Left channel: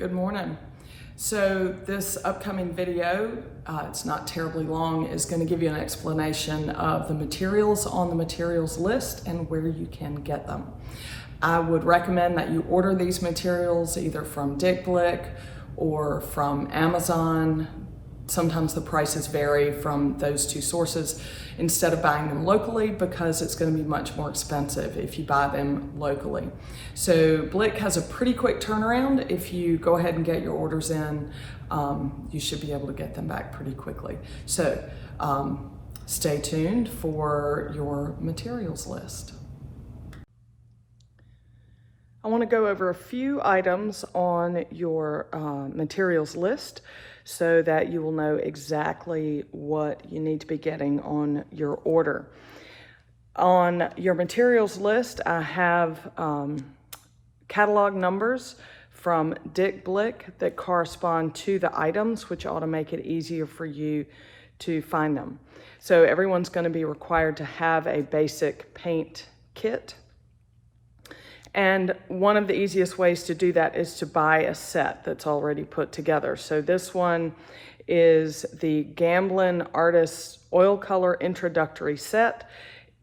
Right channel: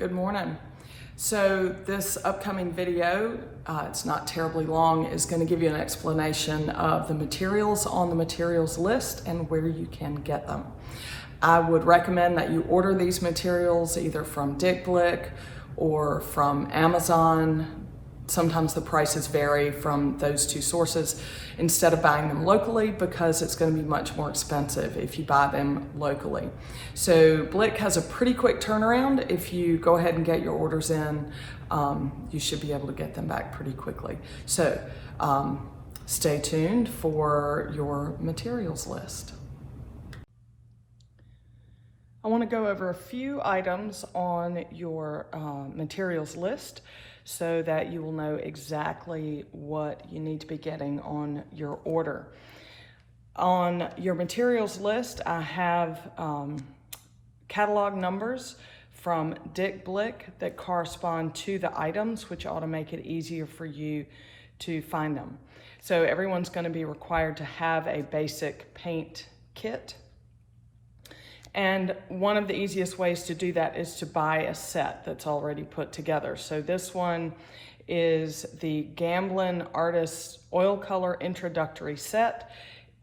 Good morning. So this upcoming video, it's not terribly long, is going to give you an explanation of the materials on the materials list and where you can get them. I would recommend that you order these materials either from Dick Blick or from Amazon. Sometimes the prices vary from those two sources instead of buying them locally, because it's going to be much more expensive if you buy them locally. So Blick has a pretty quick turnaround. If you go ahead and get your orders in, you should be able to get them back pretty quickly. So stay tuned for your materials list. I want to go over a few items on your materials list so that you will know exactly what you need to be getting on your order. On your materials list, I have catalog numbers from Dick Blick that correspond to the items, which ought to make it easier for you to find them. So everyone's going to be required to have a basic paint kit. And one of the easiest ways to do that is to buy a set that's already put together. So this one is the Gamblin Artist Oil Color Introductory Set.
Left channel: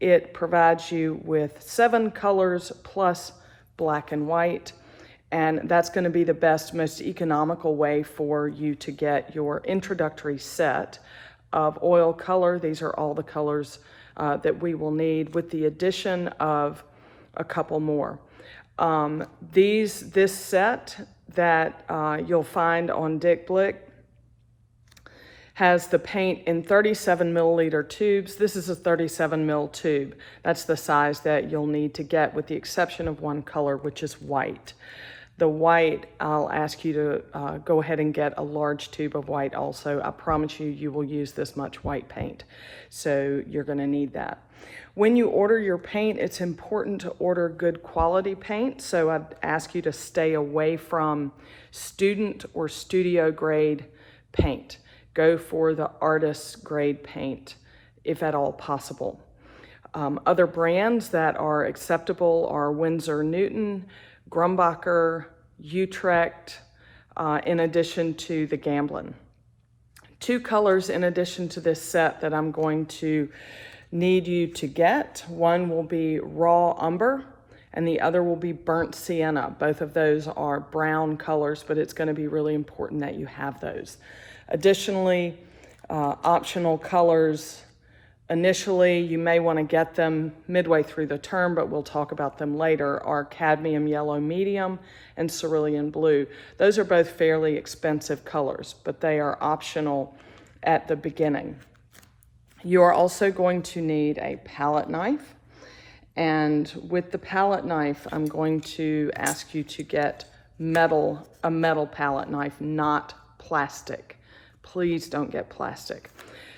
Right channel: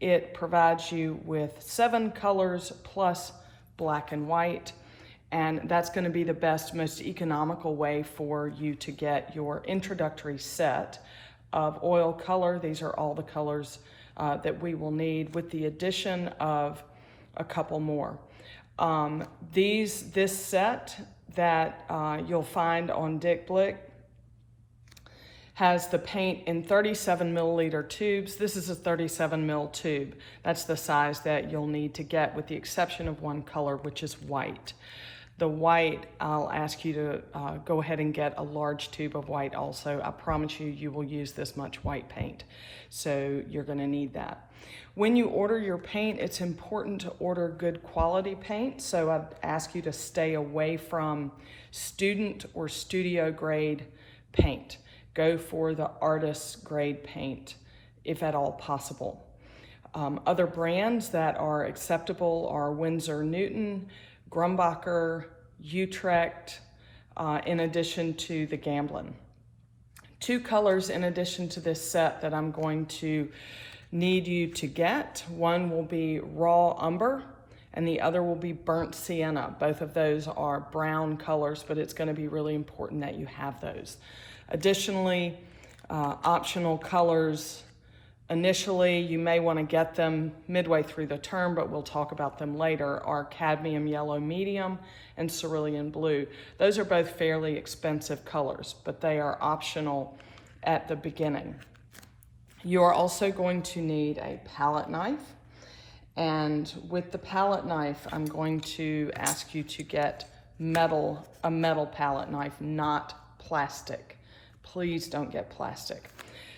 It provides you with 7 colors plus black and white. And that's going to be the best, most economical way for you to get your introductory set of oil color. These are all the colors that we will need, with the addition of a couple more. This set that you'll find on Dick Blick has the paint in 37 milliliter tubes. This is a 37 mil tube. That's the size that you'll need to get, with the exception of one color, which is white. The white, I'll ask you to go ahead and get a large tube of white also. I promise you, you will use this much white paint. So you're gonna need that. When you order your paint, it's important to order good quality paint. So I'd ask you to stay away from student or studio grade paint. Go for the artist grade paint, if at all possible. Other brands that are acceptable are Winsor Newton, Grumbacher, Utrecht, in addition to the Gamblin. 2 colors in addition to this set that I'm going to need you to get. One will be raw umber and the other will be burnt sienna. Both of those are brown colors, but it's going to be really important that you have those. Additionally, optional colors, initially you may want to get them midway through the term, but we'll talk about them later, are cadmium yellow medium and cerulean blue. Those are both fairly expensive colors, but they are optional at the beginning. You are also going to need a palette knife. And with the palette knife, I'm going to ask you to get a metal palette knife, not plastic. Please don't get plastic.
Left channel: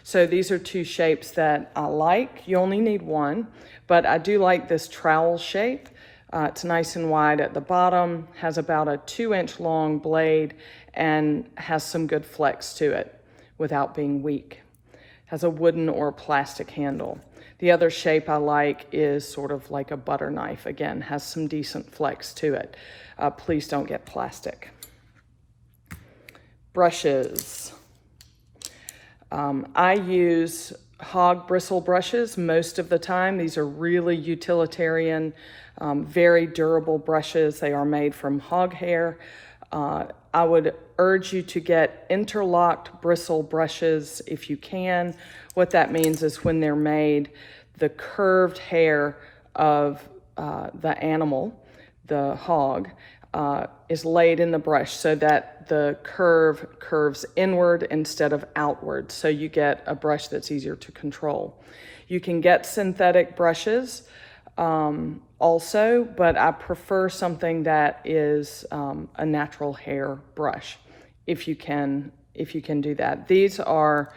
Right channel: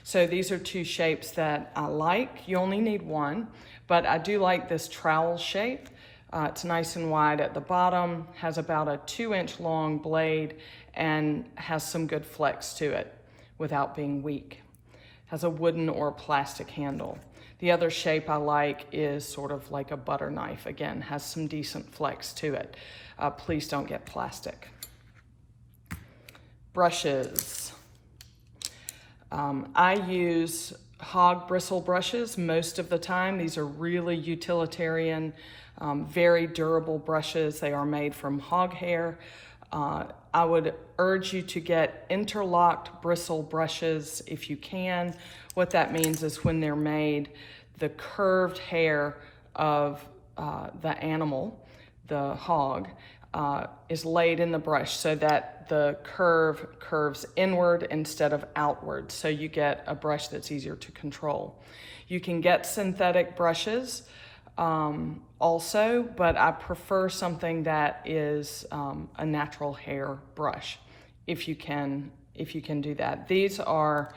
So these are 2 shapes that I like. You only need one, but I do like this trowel shape. It's nice and wide at the bottom, has about a 2-inch long blade, and has some good flex to it without being weak. Has a wooden or plastic handle. The other shape I like is sort of like a butter knife. Again, has some decent flex to it. Please don't get plastic. Brushes. I use hog bristle brushes most of the time. These are really utilitarian, very durable brushes. They are made from hog hair. I would urge you to get interlocked bristle brushes if you can. What that means is when they're made, the curved hair of the animal, the hog, is laid in the brush so that the curve curves inward instead of outward. So you get a brush that's easier to control. You can get synthetic brushes also, but I prefer something that is a natural hair brush, if you can do that. These are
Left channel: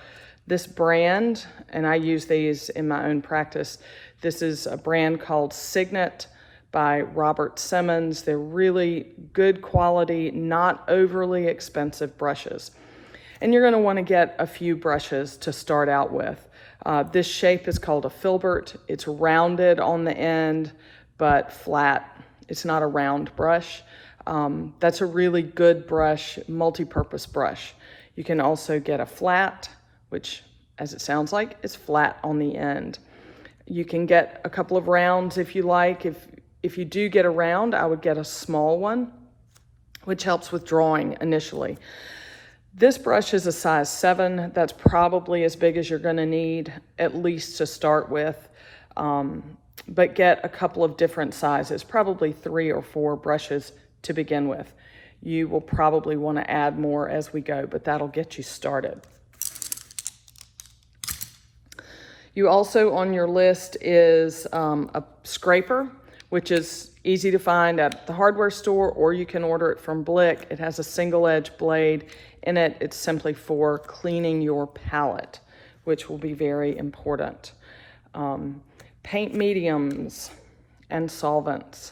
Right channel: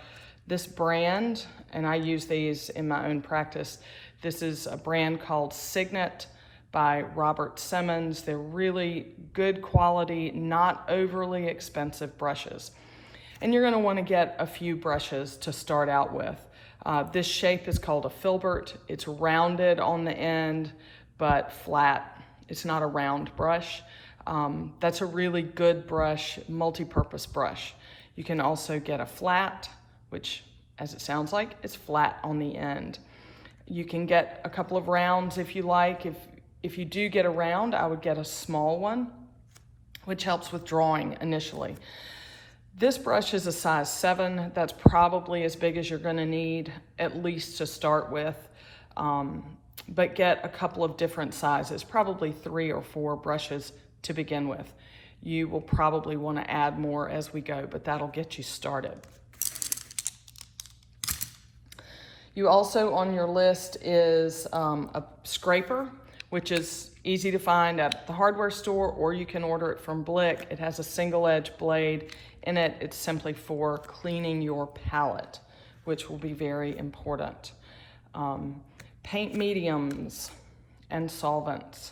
this brand, and I use these in my own practice. This is a brand called Signet by Robert Simmons. They're really good quality, not overly expensive brushes. And you're going to want to get a few brushes to start out with. This shape is called a filbert. It's rounded on the end, but flat. It's not a round brush. That's a really good brush, multi-purpose brush. You can also get a flat, which, as it sounds like, is flat on the end. You can get a couple of rounds if you like. If you do get a round, I would get a small one, which helps with drawing initially. This brush is a size 7. That's probably as big as you're going to need, at least to start with. But get a couple of different sizes, probably 3 or 4 brushes to begin with. You will probably want to add more as we go, but that'll get you started. You also, on your list, is a scraper, which is easy to find at the hardware store, or you can order it from Blick. It has a single edge blade in it. It's simply for cleaning your palette, which will be very important. Paint mediums and solvents.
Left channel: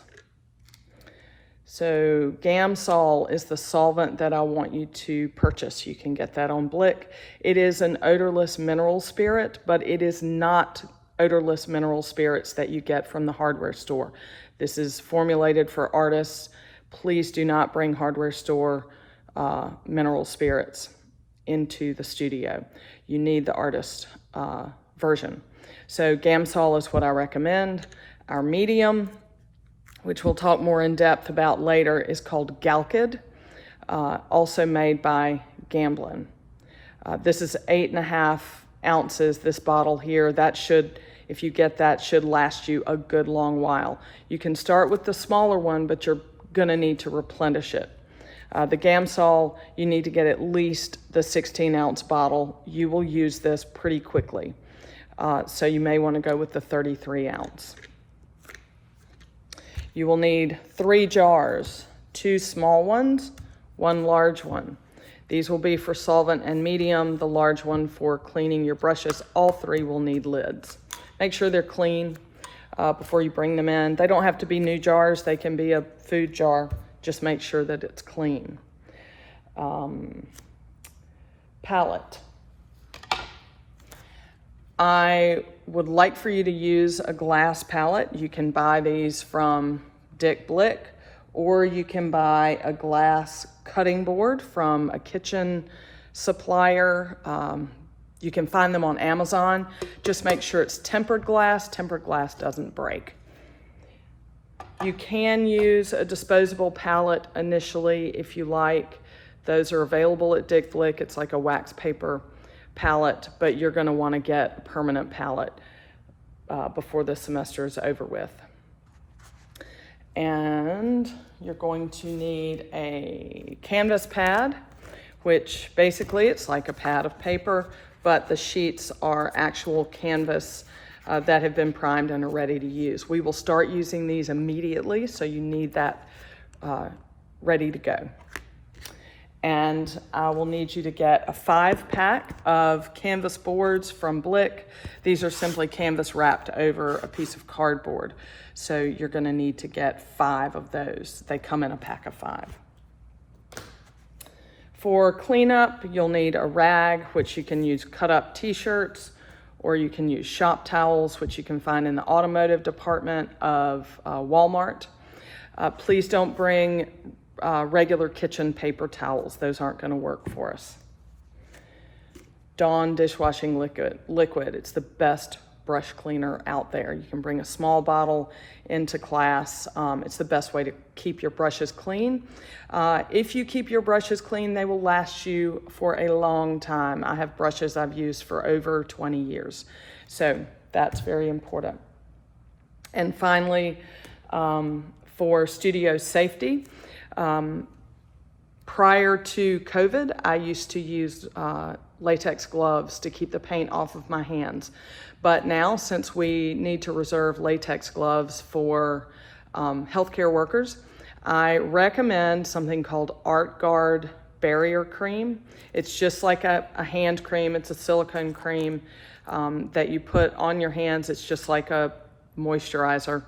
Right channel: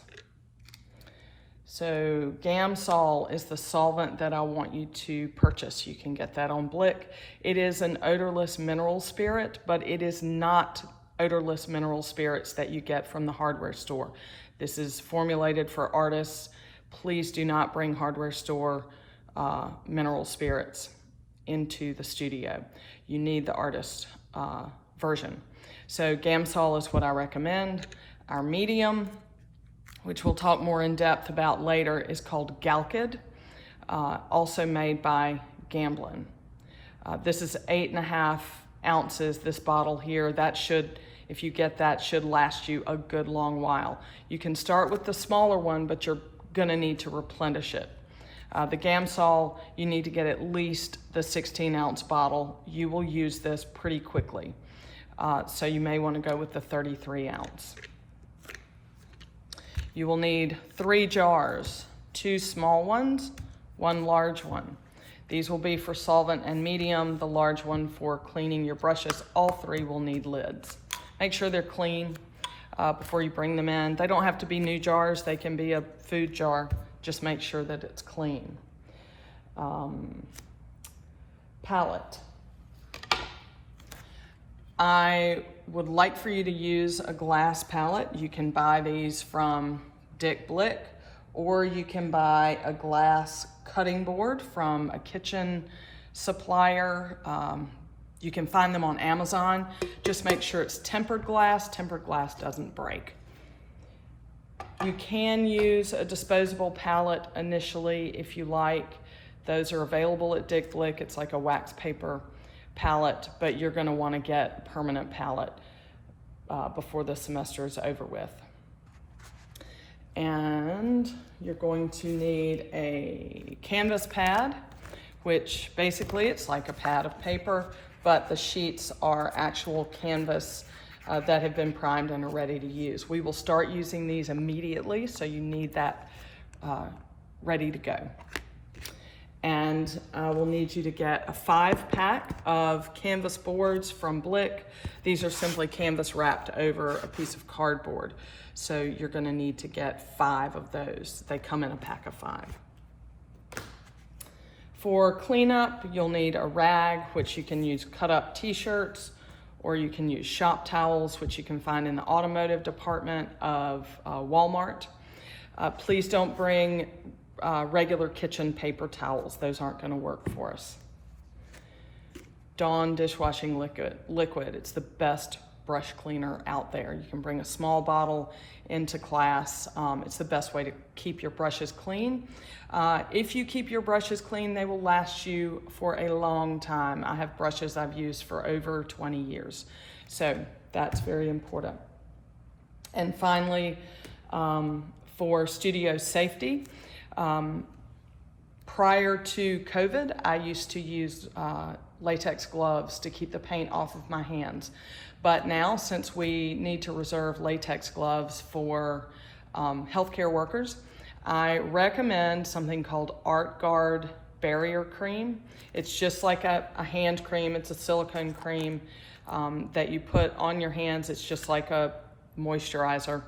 So Gamsol is the solvent that I want you to purchase. You can get that on Blick. It is an odorless mineral spirit, but it is not odorless mineral spirits that you get from the hardware store. This is formulated for artists. Please do not bring hardware store mineral spirits into the studio. You need the artist version. So Gamsol is what I recommend. Our medium, which we'll talk more in depth about later, is called Galkyd, also made by Gamblin. This is 8.5 ounces, this bottle here. That should, if you get that, should last you a good long while. You can start with the smaller one, but you're gonna need to replenish it. The Gamsol, you need to get at least the 16-ounce bottle. You will use this pretty quickly. So you may wanna go with the 33-ounce. You will need 3 jars, 2 small ones, 1 large one. These will be for solvent and medium, the large one for cleaning your brushes. All 3 will need lids. Make sure they're clean before you bring them in. They don't have to be new jars, they can be a food jar. Just make sure that it's clean. Palette. I would like for you to use a glass palette. You can buy these from Dick Blick, or you can buy a glass cutting board from a kitchen supplier. You can find them on Amazon. Just make sure it's tempered glass. Tempered glass doesn't break. You can use a disposable palette initially if you like. Those are available at Dick Blick. It's like a wax paper palette, but you're going to want to get a permanent palette before the semester is over with. And you're going to need a canvas pad, which basically it's like a pad of paper, but the sheets are actual canvas that have been primed and are ready to use. We will start using these immediately, so you need that ready to go. And I will need you to get a 5-pack of canvas boards from Blick. These are simply canvas wrapped over a piece of cardboard. So you're gonna need to get 5 of those. They come in a pack of 5. For cleanup, you'll need a rag, which you can use cut up t-shirts, or you can use shop towels, which you can find in the automotive department of Walmart. Please don't bring regular kitchen paper towels. Those aren't going to work for us. Dawn dishwashing liquid. It's the best brush cleaner out there. You can bring a small bottle into class. It's the best way to keep your brushes clean. If you keep your brushes clean, they will last you for a long time. I have brushes I've used for over 20 years. So that's very important. And finally, for studio safety, prior to COVID, I used to use latex gloves to keep the paint off of my hands. But now, since we need to reserve latex gloves for healthcare workers, I recommend something called ArtGuard Barrier Cream. It's just like a hand cream. It's a silicone cream that you put on your hands. It's just like a moisturizer.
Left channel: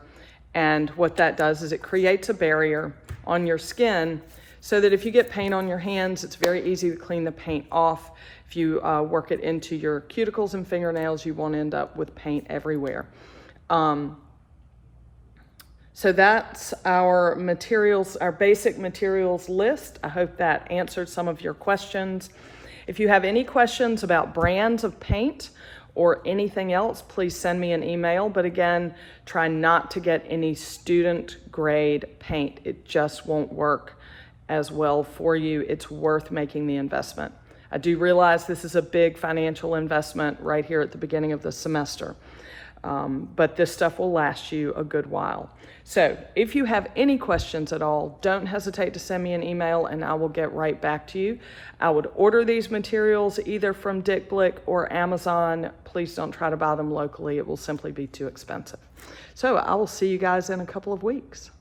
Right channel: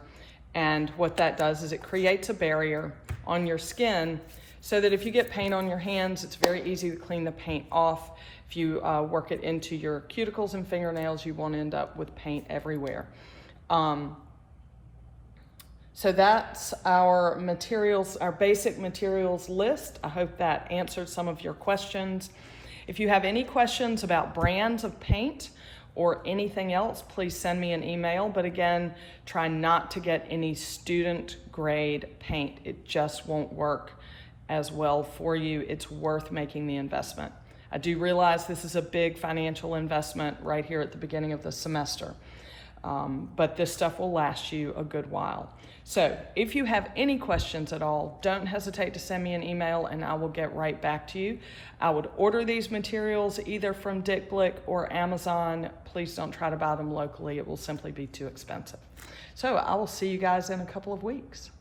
And what that does is it creates a barrier on your skin so that if you get paint on your hands, it's very easy to clean the paint off. If you work it into your cuticles and fingernails, you won't end up with paint everywhere. So that's our materials, our basic materials list. I hope that answered some of your questions. If you have any questions about brands of paint or anything else, please send me an email. But again, try not to get any student grade paint. It just won't work as well for you. It's worth making the investment. I do realize this is a big financial investment right here at the beginning of the semester, but this stuff will last you a good while. So if you have any questions at all, don't hesitate to send me an email and I will get right back to you. I would order these materials either from Dick Blick or Amazon. Please don't try to buy them locally. It will simply be too expensive. So I will see you guys in a couple of weeks.